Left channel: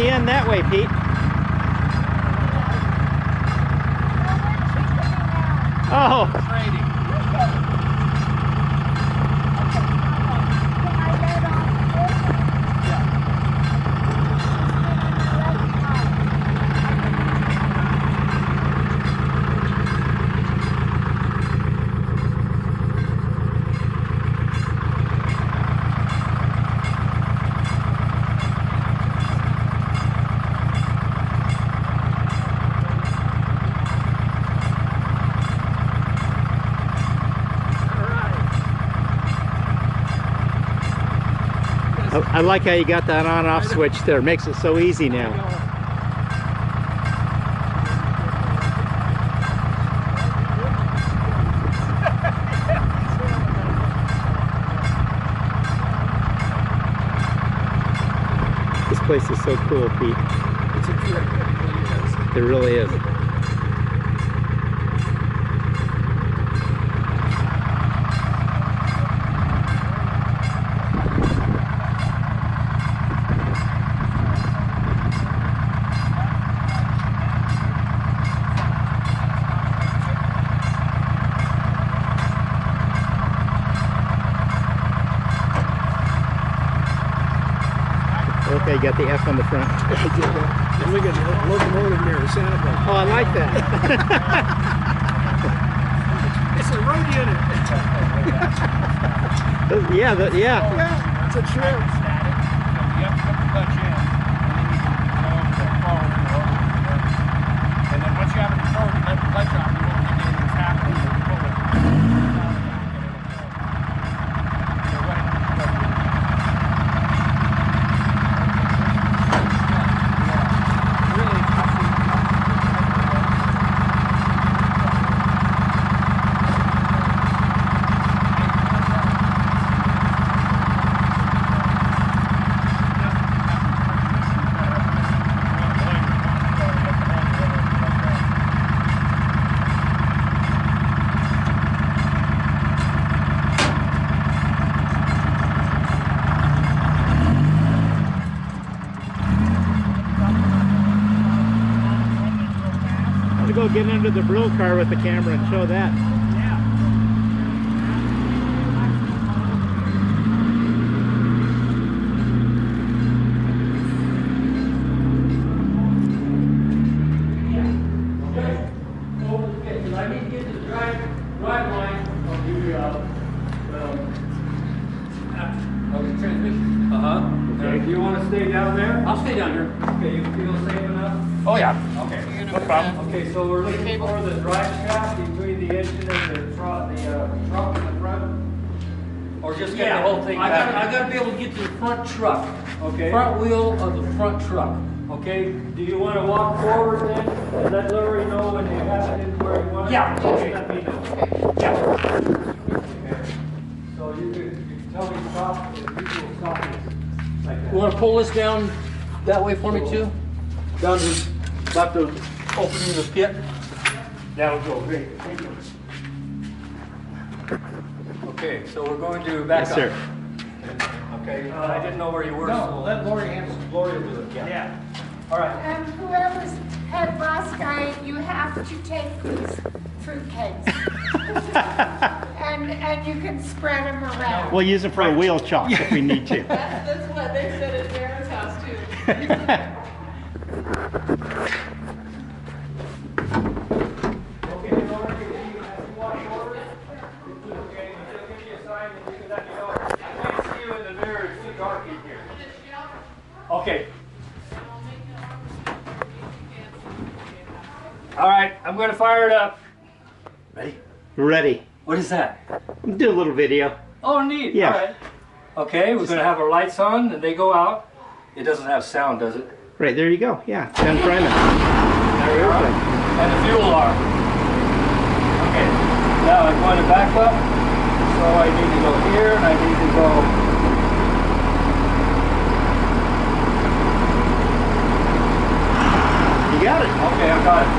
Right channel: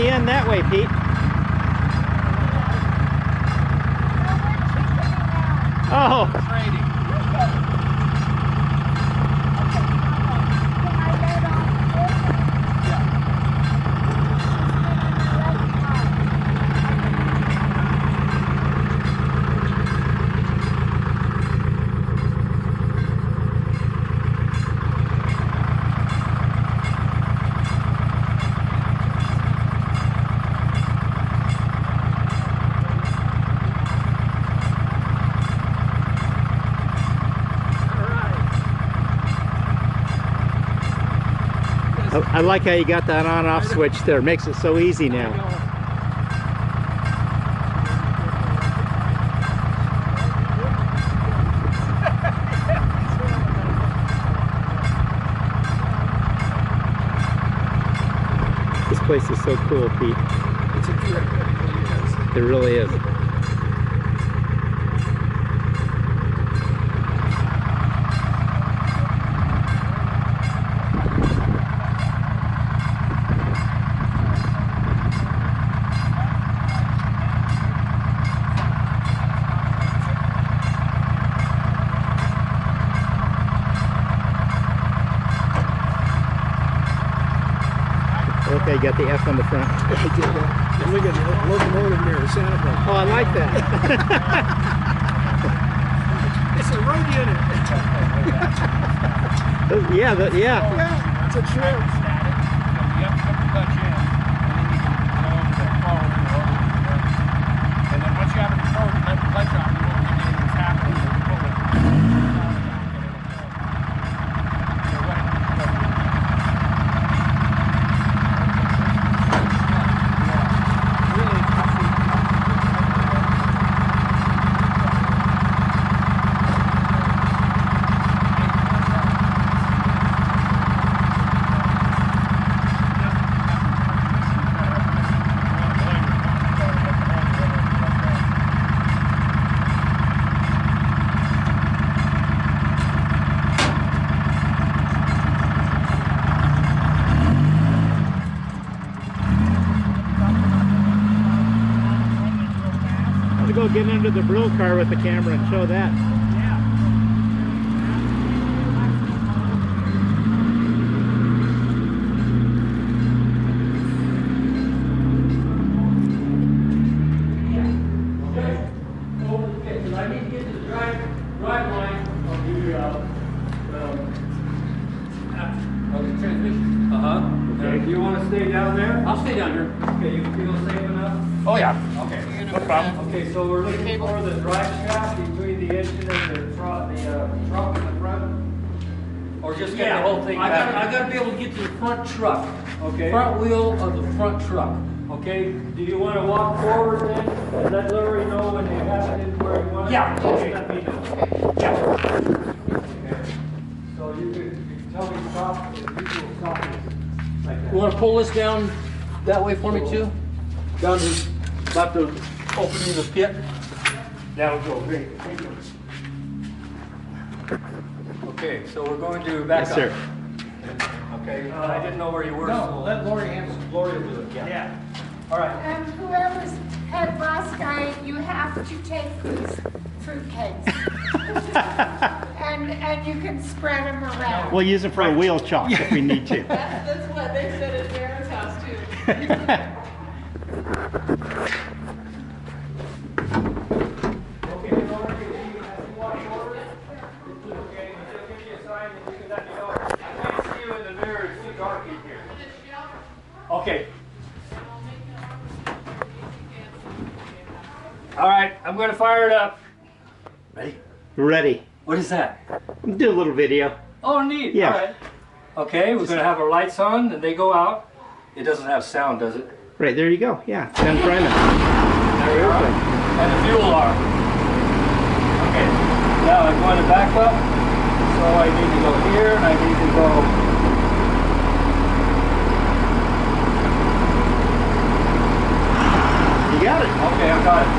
the end that way, Pete. Oh. Trading. I like how you got that on-off switch there. It makes it so easy now. This place is so cool, Pete. It really is. Okay, you got the F on the front. I did that. And we got the locomotive there, Santa Barbara. Oh, I like that. It's a road unit. Yeah, Yeah, it's a trip. Go get into the blue car with the camera and show that. I need to get to the drive line of the transmission. Okay. Do you want to stay down there? I'll stay down here. Okay, you feel safe enough? Oh yeah. Okay. No problem. Okay, so we're looking for the drive shaft between the engine and the truck in the front? Or just get the whole thing back? I gotta be able to get to the front truck. Okay. Front wheel of the front truck. Okay, do you want to walk forward then? And let Larry know when you have it where you want it? Yeah. Okay. Let me know. Yeah. Okay. So you can tell me stop, the usual stop is like that. You wanna pull this down that way for me too? Down to about the opening of the pit? That'll go great. Thank you. Okay, so we're going to back Yes, up. sir. Okay, I didn't know where you were. No, so let Lori answer. Lori will do it. Yeah. All right. And whoever's head boss guy, you have to take these fruitcakes. and you can spread them around. We'll use it for a wheel chalk if we need to. That's what they said at Darren's house too. Okay, Lori, if you walk forward, okay, she'll give you a sign and you can let me know. I can't see you in the mirror, it's too dark in here. Okay. All right, I'm going to fire it up. Ready? Ready. What is that? We'll do a little video. Oh, neat. Yeah. All right. Okay, we're going to have our lights on and they go out. It doesn't have sound, does it? Right, there you go. Yeah, 10 priming. There we are. And the fuel alarm. Okay, now I'm going to back up. So I need to go here and I need to go. You got it. Okay, I got it.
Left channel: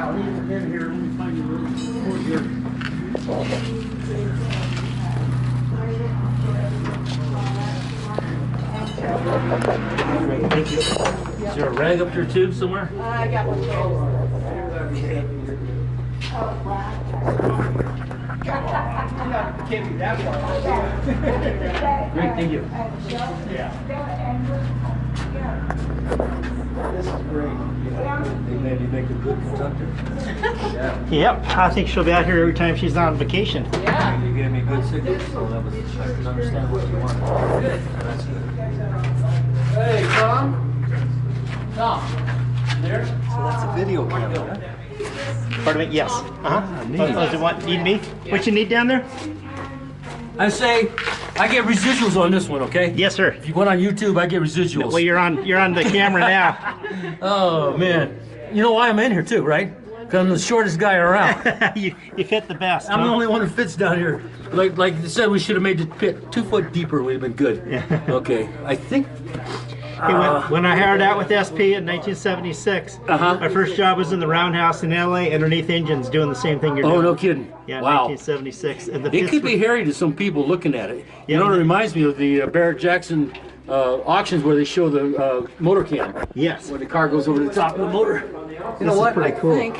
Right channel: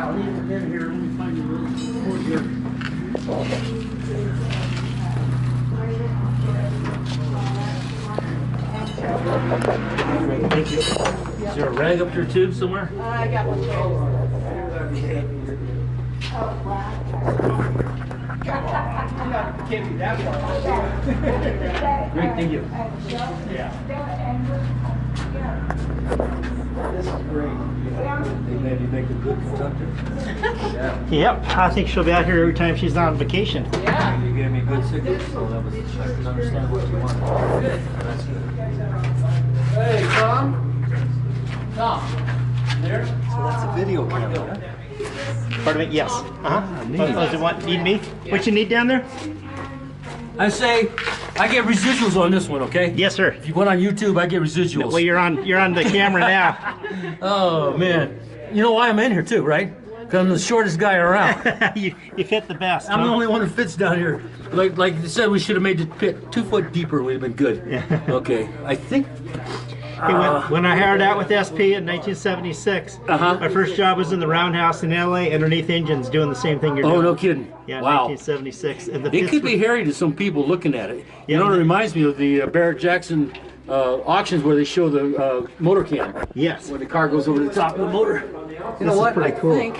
Yeah, I'll leave them in here. Let me find you over here. Great, thank you. Is there a rag up your tube somewhere? I got one. Can't be that far. Great, thank you. Yeah. This is great. They maybe make a good conductor. Yep, I think she'll be out here every time she's on vacation. Yeah. You gave me good signals, so that was, I can understand what you wanted. Good. That's good. Hey, Tom? Tom, there? So that's a video camera, huh? Pardon me? Yes. Uh-huh. Does it want, need me? What you need down there? I say, I get residuals on this one, okay? Yes, sir. If you went on YouTube, I get residuals. Well, you're on the camera now. Oh, man. You know why I'm in here, too, right? Because I'm the shortest guy around. you fit the best. I'm huh? the only one who fits down here. Like you said, we should have made the pit 2 foot deeper. Would have been good. Yeah. Okay, I think. Hey, when I hired out with SP in 1976, my first job was in the roundhouse in LA, underneath engines, doing the same thing you're doing. Oh, no kidding. Yeah, Wow. 1976. And the It pits could were- be hairy to some people looking at it. Yeah. You know, it reminds me of the Barrett Jackson auctions where they show the motor cam. Yes. Where the car goes over the top of the motor. You know This is what? pretty I cool. think.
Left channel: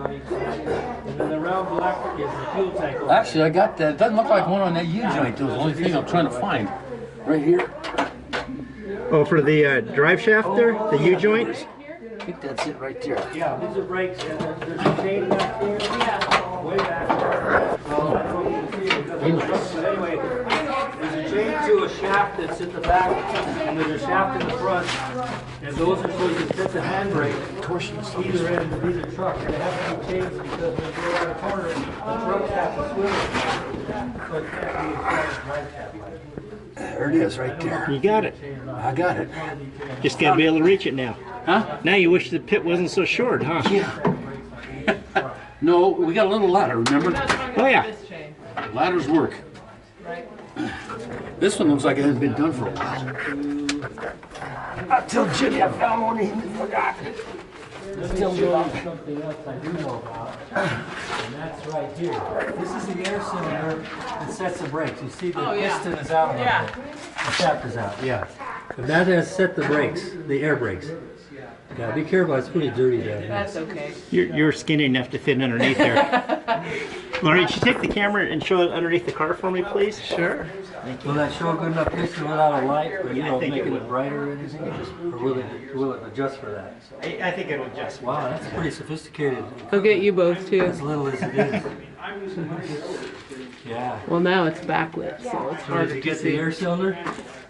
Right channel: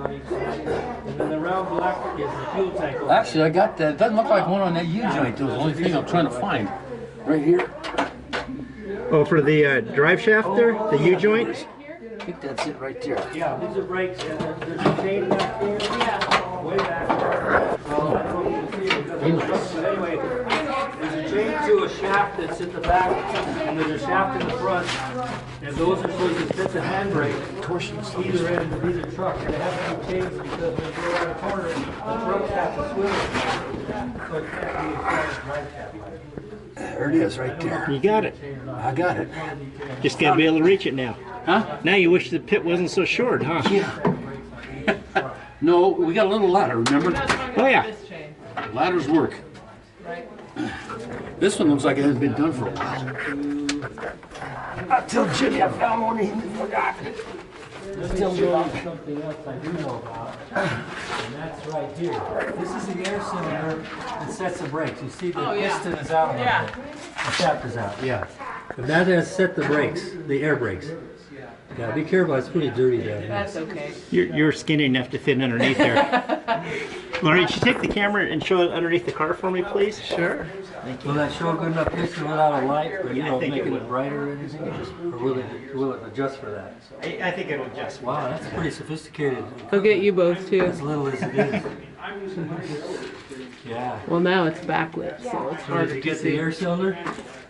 And then the round black is the fuel tank. Actually, I got that. It doesn't look like one on that U-joint. That was the only thing I'm trying to find. Right here. Oh, for the drive shaft there, the U-joint? I think that's it right there. Yeah, these are brakes, and there's a chain back here. Yeah. Way back there. Well, I don't know if you can see it because of the truck, but anyway, there's a chain to a shaft that's in the back, and there's a shaft in the front, and those are supposed to fit the handbrake. Either end of either truck, and they have to be changed because when you go around a corner, the trucks have to swivel. So it can't be a flat drive shaft. There it is, right there. You got it. I got it. Just got to be able to reach it now. Huh? Now you wish the pit wasn't so short, huh? Yeah. No, we got a little ladder, remember? Oh, yeah. This chain. Ladders work. Right. This one looks like it hasn't been done for a while. I tell Jimmy I found one and he forgot. Tell you about something else I do know about, and that's right here. This is the air cylinder that sets the brakes. You see the Oh, yeah. piston is out a little Yeah. bit. The shaft is out, yeah. And that has set the brakes, the air brakes. Yeah, be careful, it's pretty dirty down here. That's okay. You're skinny enough to fit underneath there. Laurie, should you take the camera and show it underneath the car for me, please? Sure. Will that show a good enough picture without a light, or Yeah, I think it making will. it brighter or anything? Or will it adjust for that? I think it'll adjust. Wow, that's pretty sophisticated. I'll get you both too. As little as it is. Yeah. Well, now it's backlit, so it's So hard did you to get the see. air cylinder?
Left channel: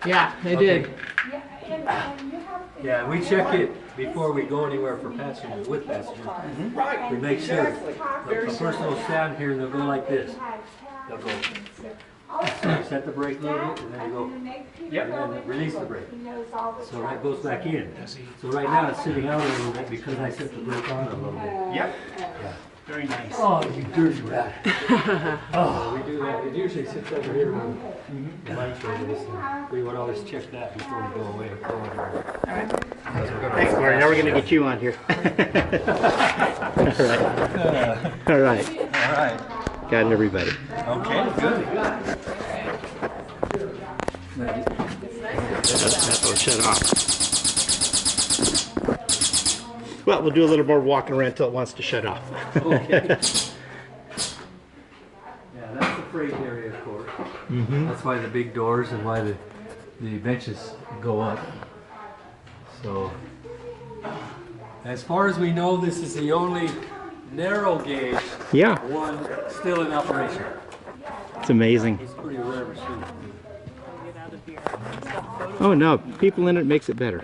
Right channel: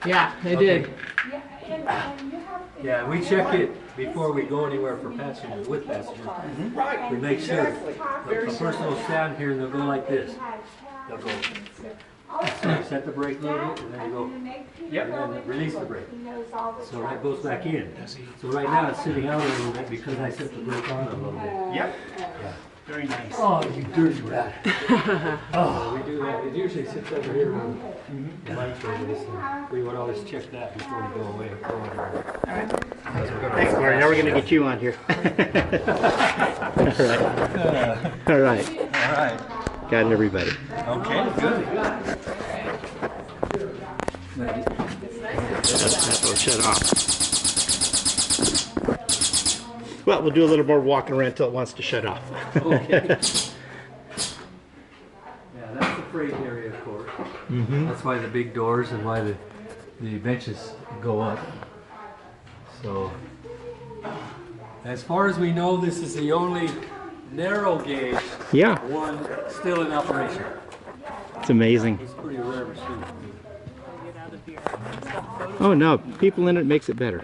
Yeah, I Okay. did. Yeah, we check it before we go anywhere for passengers, with passengers. We make sure. A person will stand here and they'll go like this. They'll go, set the brake a little bit, and then you go, and then release the brake. So that goes back in. So right now it's sitting out a little bit because I set the brake on a little bit. Yep. Very nice. Oh, you dirty rat. Oh, we do that. It usually sits over here when the lights are this. We would always check that before we go away. Thanks, Laurie. Now we're going to get you on here. All right. All right. All right. Got it, everybody. Okay, good. That'll shut off. Well, we'll do a little more walking around until it wants to shut off. Okay. Yeah, that's the freight area, of course. That's why the big doors and why the benches go up. So, as far as we know, this is the only narrow gauge Yeah, one still in operation. it's amazing. It's pretty rare machine. Oh no, people in it makes it better.